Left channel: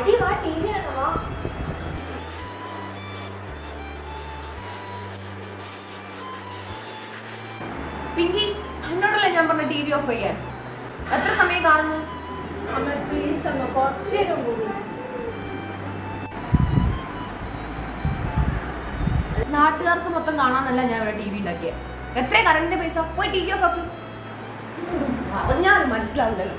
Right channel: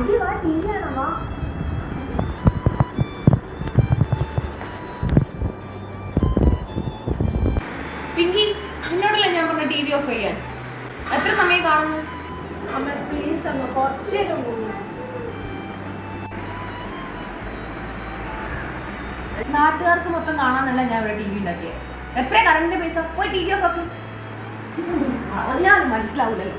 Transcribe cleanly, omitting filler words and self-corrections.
അടി വാ, T V ആണോ വാ. പിങ്കി, നിന്നോടല്ലേ ഞാൻ പറഞ്ഞ ടി വി ഓഫ് ചെയ്യാൻ? എത്ര സമയം കാണുന്നു? അമ്മ പ്ലീസ് അമ്മ, കുറച്ചു നേരം കൂടി. നാട്ടുകാർക്ക് മൊത്തം കാണാനല്ല ഞാൻ ഇവിടെ ടി വി ഉണ്ടാക്കിയത്. എത്ര കറണ്ടിന്റെ പൈസ? പോയി ടി വി ഓഫ് ആക്കി. പറഞ്ഞാലും മനസ്സിലാവില്ലല്ലോ.